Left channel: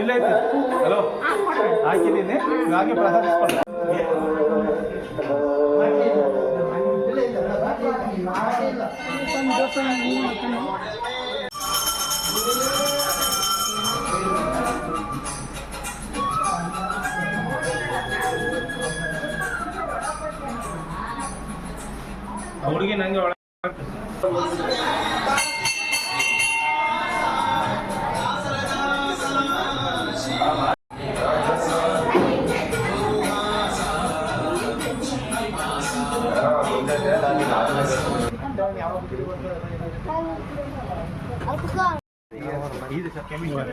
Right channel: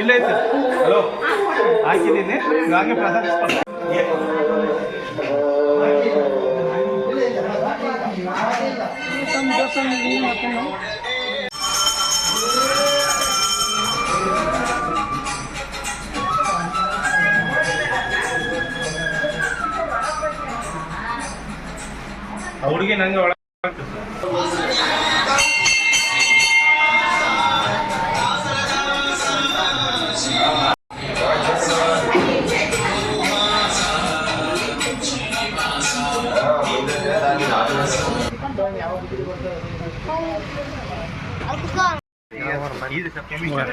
ಇಲ್ಲ ಐತೆ ಹಲೋ ಹಾಕಿದ್ದೀನಿ ಹಂಗಾಗಿ ಪ್ರಸಾದ ಇಸ್ಕೊಂಡು ಆ ಹುಡುಗಿ ನಂಗೆ ಒಳಗೆ ಇದು ಕೆಮಿಕಲ್